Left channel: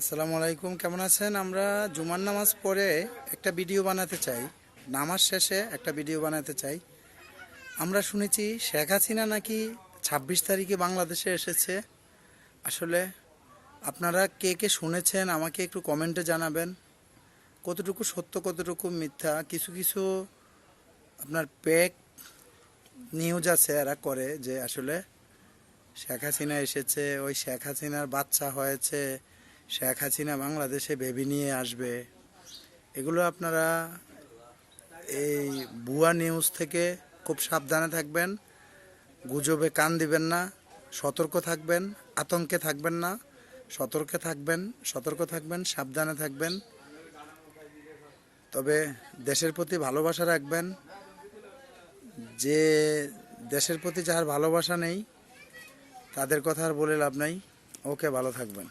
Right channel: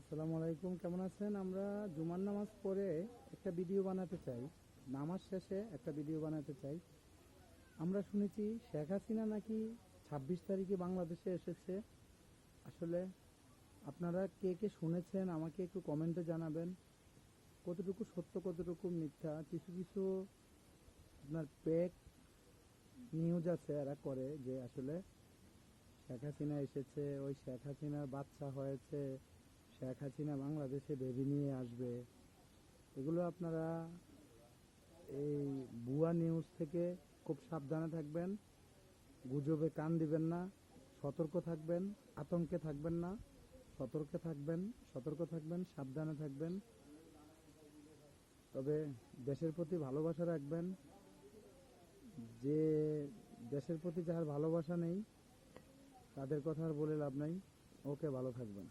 আসসালামু আলাইকুম, কেমন আছেন? আমরা জুমার নামাজ পড়ে একটা ভিডিও বানাতে চাই, নামাজ শেষে একটা ভিডিও বানাতে চাই। আমরা শুনেছি শেখ হাসিনা নাকি 26 তারিখে বাংলাদেশে এসেছে। আসলে আপনারা কে কে শুনেছেন আমাকে একটু কমেন্টে জানাবেন। কতটুকু সত্য কতটুকু মিথ্যা, কিছু কিছু আপনার পেক নিউজ আছে, এরা করে যে আসলে শেখ হাসিনা এসেছে, ওই শেখ হাসিনার বাচ্চা হয়েছে, শেখ হাসিনা বাংলাদেশে বেবি নিয়ে আসবে। এগুলো আপনারা এই ভুয়া নিউজ থেকে খুব সাবধানে থাকবেন, গুজবে কান দিবেন না, সতর্ক থাকবেন, আতঙ্কে থাকবেন না, সতর্ক থাকবেন, সাবধানে থাকবেন। তবে দেশের প্রতি ভালোবাসা রাখবেন। যে দেশের প্রতি যার ভালোবাসা নেই তাদের কথা আর বলে লাভ নাই। ওকে, ভালো থাকবেন।